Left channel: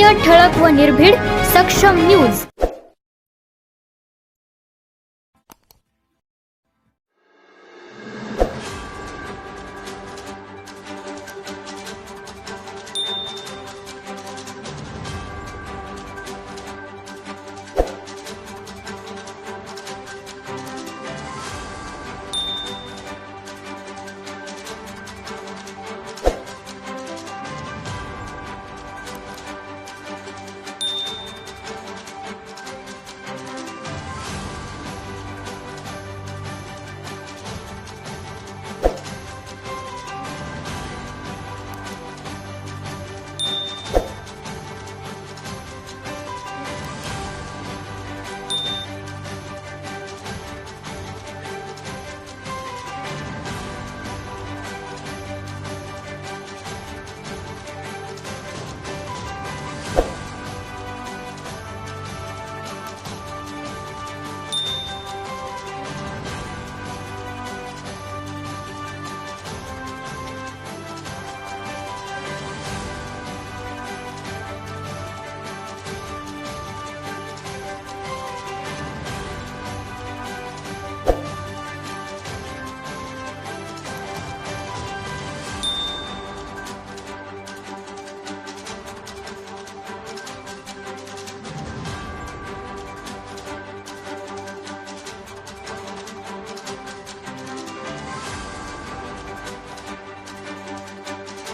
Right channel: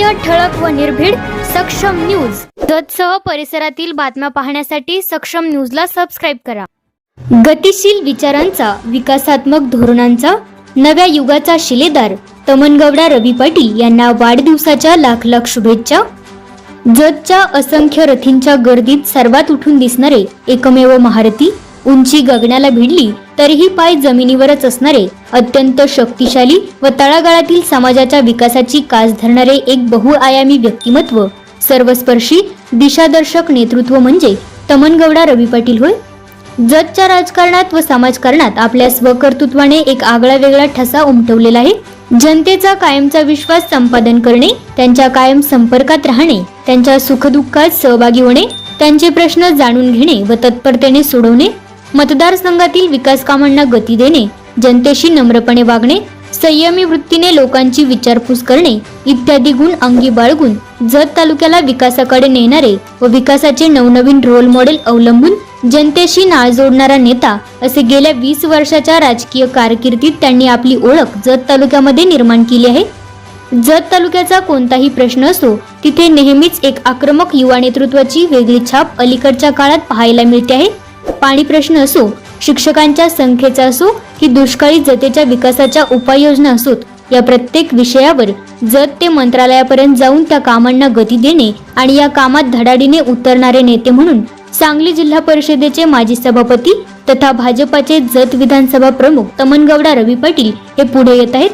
सत्य ठळक व निर्भीड सक्षम न्यूज. जतसह परिसरातील बातम्या पाहण्यासाठी सक्षम न्यूजला सबस्क्राईब करा. गतिशील विचारांचा विकासात्मक धोरणांचा नव्या युगाचा शिलेदार तमनगौडा रवी पाटील यांना वाढदिवसाच्या लाख लाख शुभेच्छा. जतच्या असंख्य रथींच्या गर्दीत सर्वात उठून दिसणारे एकमेव महारथी उंची गगनाला भिडली तरीही पाय जमिनीवरच असणारे अत्यंत शक्तिशाली व तळागाळातील समाजाच्या विकासाची कास धरणारे एक बहुआयामी व्यक्तिमत्व सर्वस्पर्शी दिशादर्शक नेतृत्व म्हणजे तमनगौडा रवी पाटील होय. जतच्या राजकारणात व समाजकारणात आपल्या स्वकर्तृत्वाने एक आगळा वेगळा ठसा उमटवलेला आहे. जनतेचा कायमचा विश्वास संपादन करणे त्यांच्या कायम संपर्कात राहणे त्यांच्या सुखदुःखात सहभागी होणे त्यांचे प्रश्न जाणून घेणे व तत्परतेने सोडवणे मतदारसंघातील विकास कामांना गती देणे जनतेशी नम्रपणे वागणे संयमी वृत्तीने लोकांची विचारपूस करणे इत्यादी गुण अंगी बाळगून जत तालुक्याला विकासाकडे नेणारे व विकासाचे नवनवीन रोल मॉडेल अवलंबून जनतेशी नाळ जोडणारा नेता असे गेल्या वीस वर्षाच्या राजकीय कारकिर्दीत त्यांनी आपली ओळख जत तालुक्यामध्ये निर्माण केली आहे. जत तालुक्याचा कोणताही प्रश्न असो तिथे नेहमीच एक आक्रमक युवा नेतृत्वाची वेगळी छाप अलीकडच्या काळात पाहायला मिळते आहे. पाणी प्रश्न असो शिक्षकांच्या संख्येचा असो की दुष्काळी जतेच्या विकासाच्या उपाययोजना असोत या प्रत्येक विषयावर जत ते मंत्रालयापर्यंत जाऊन त्या कामांना गती देणे आणि या कामात धडाडीने उतरणारे नेते म्हणून सांगली जिल्हा परिषदेचे माजी सभापती तथा भाजपाचे जत विधानसभा प्रमुख तमनगौडा रवी पाटील हे पुढे येत आहेत.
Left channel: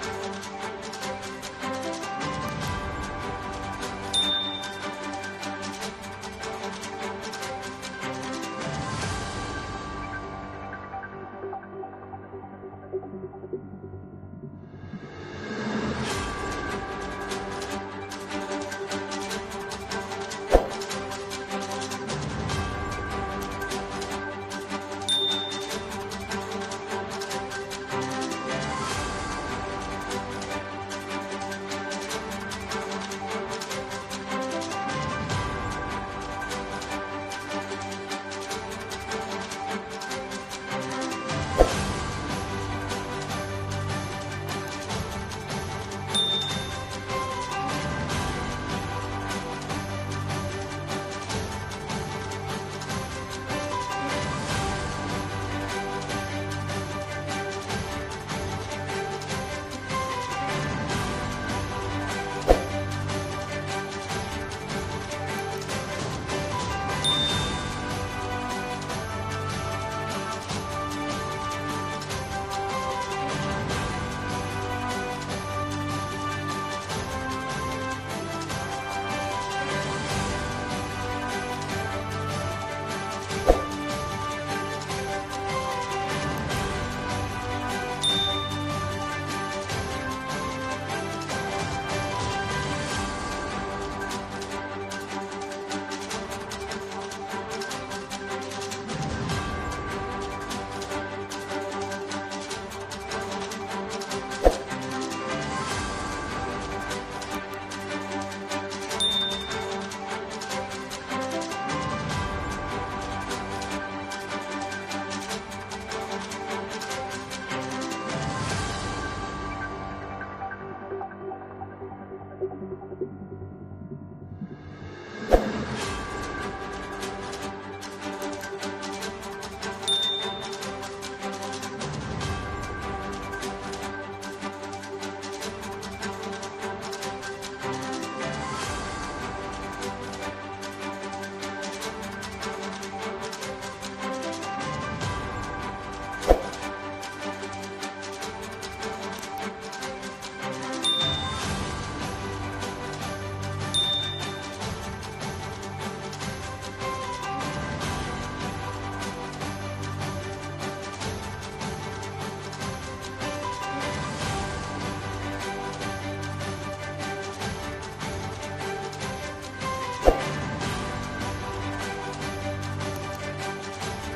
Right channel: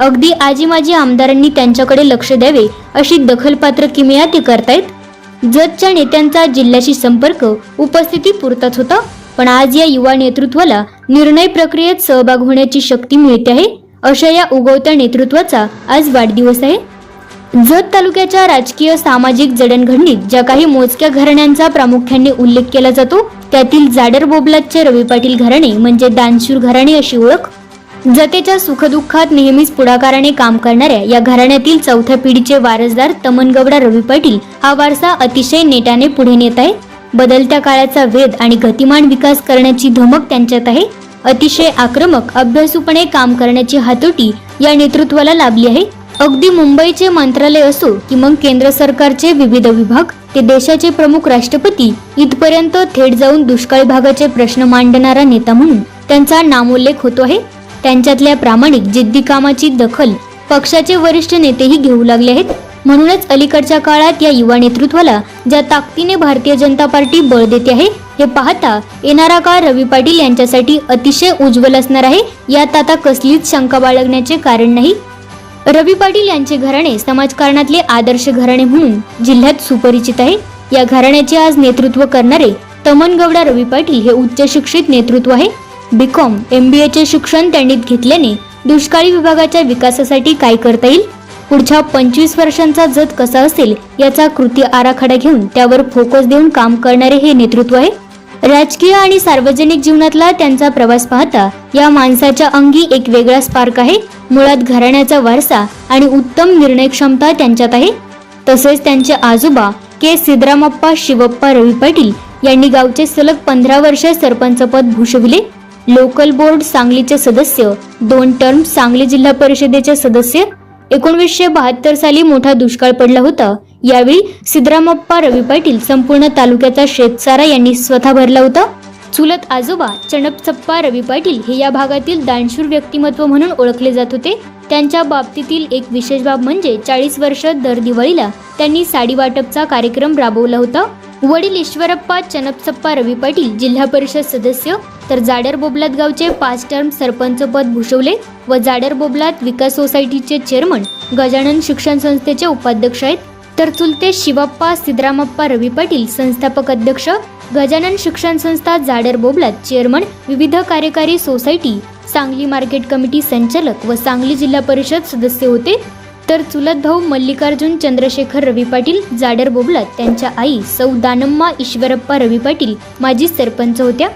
अगदी आजी माजी आमदारांनी त्यांच्याकडे लक्ष द्यावे अशी दखलपात्र किमया ते करतायत जतच्या नेत्यांचा जिल्ह्याशी संपर्क उपस्थिती पुरताच होता. पण आज या युवा नेतृत्वाला निर्णय प्रक्रियेत सहभाग होण्याची शक्ती मिळते आहे अशा या उगवत्या नेतृत्वाचा आज वाढदिवस आहे. जत तालुक्याच्या राजकीय सामाजिक जडणघडणीत ज्या काही मोजक्या घराण्यांचा प्रामुख्याने उल्लेख केला जातो त्यातील जाडर बोबलातचे रवी पाटील घराणे म्हणजे दानशूर घराणे अशी ओळख जतेच्या सुखदुःखात नेहमीच पुढाकाराने काम करणाऱ्या या घराण्यातील चौथ्या पिढीचे वारसदार तमनगवडा रवी पाटील हा वारसा अतिशय नेटाने पुढे नेत आहे. बदलत्या काळाचा वेध आणि गतिमान विकास करण्याची धमक त्यांच्यात आहे. अतिशय आक्रमक अभ्यासूपणे काम करण्याची हातोटी या नेतृत्वाला लाभली आहे. अगदी मुंबईचे मंत्रालय असो की मग केंद्र सरकारचे विविध विभाग ते देशाचे प्रमुख राष्ट्रपती इथपर्यंत थेट जाऊन दुष्काळी भागाचे प्रश्न मांडणारा नेता म्हणून त्यांचा नामोल्लेख होतो आहे. त्यांच्यातल्या प्रामाणिक जिद्दी कामाची दखल पक्षाचे वरिष्ठ नेतेही घेऊ लागले आहेत. म्हणूनच अलीकडच्या काळात या युवा नेतृत्वाला ज्या ताकदीने भारतीय जनता पार्टी बळ देते आहे हे पाहता येणारा काळ रवी पाटील यांच्यासाठी अतिशय उज्ज्वल असणार आहे. यात आता कसलीच शंका बाळगण्याचे कारण नाही. रवी पाटील यांचे घराणे समाजकारणातले आदर्श घराणे म्हणून जिल्ह्यात सुपरिचित आहे. या घराण्याचे आज नेतृत्व करणारे तमनगौडा रवी पाटील हे उच्च शिक्षित नेतृत्व आहे. बीकॉम एम बी एचे शिक्षण त्यांनी घेतल्याने दुष्काळी विभागाच्या विकासासाठी काय करता येईल? पुढच्या पंचवीस वर्षांचा जत कसा असेल याचा कृती आराखडा घेऊन त्यावर फोकस देऊन काम करणारे हे नेतृत्व आहे. राजकीय आणि सार्वजनिक जीवनातला त्यांचा प्रवास पाहता या माणसाच्या अंगी एक वेगळा स्पार्क आहे. मुळात घराण्याचा वारसा आणि उत्तम निर्णय क्षमता त्यांच्यात आहे. तसेच त्यांचे आजोबा के. सिद्धरामप्पा शिवप्पा रवी पाटील यांनी गावचे सलग पंधरा वर्ष सरपंचपद भूषविले. लोकल बोर्ड सांगलीचे सदस्य दोन टर्म सांगली जिल्हा परिषदेचे सदस्य एकोणवीसशे बहात्तर साली मोठा दुष्काळ पडला होता. यावेळी सिद्धरामप्पा रवी पाटील संपूर्ण तालुक्याचा शेतसारा यांनी स्वतः भरला होता. चुलत आजोबा चणपचप्पा रवी पाटील हे या भागातील दानशूर व्यक्तिमत्व म्हणून ओळखले जात होते. त्यांच्या बाबतीतील एक विशेष बाब म्हणजे चाळीस वर्ष दर दिवाळीला त्यांनी साडी वाटपचा कार्यक्रम राबवला होता. वडील ईश्वरप्पा चनपचप्पा रवी पाटील जिल्हा परिषद सदस्य तर जाडर बोबलात गावचे पाच टर्म सरपंच पद भूषवले व जाडर बोबलात विकास सोसायटीचे चेअरमन गजानन शिक्षण संस्थेचे उपाध्यक्ष आहेत. तर चुलते शिवप्पा सिद्धरामप्पा रवी पाटील संस्थापक अध्यक्ष गजानन शिक्षण संस्था जाडर बोबलात चेअरमन विविध कार्यकारी सोसायटी सांगली मार्केट कमिटी संचालक व सांगली जिल्हा परिषद सदस्य होते. तर चुलत भाऊ मल्लिकार्जुन चंद्रशेखर रवी पाटील जाडर बोबलात त्यांच्या आई सौ दानम्मा ईश्वरप्पा रवी पाटील माजी सरपंच होत्या.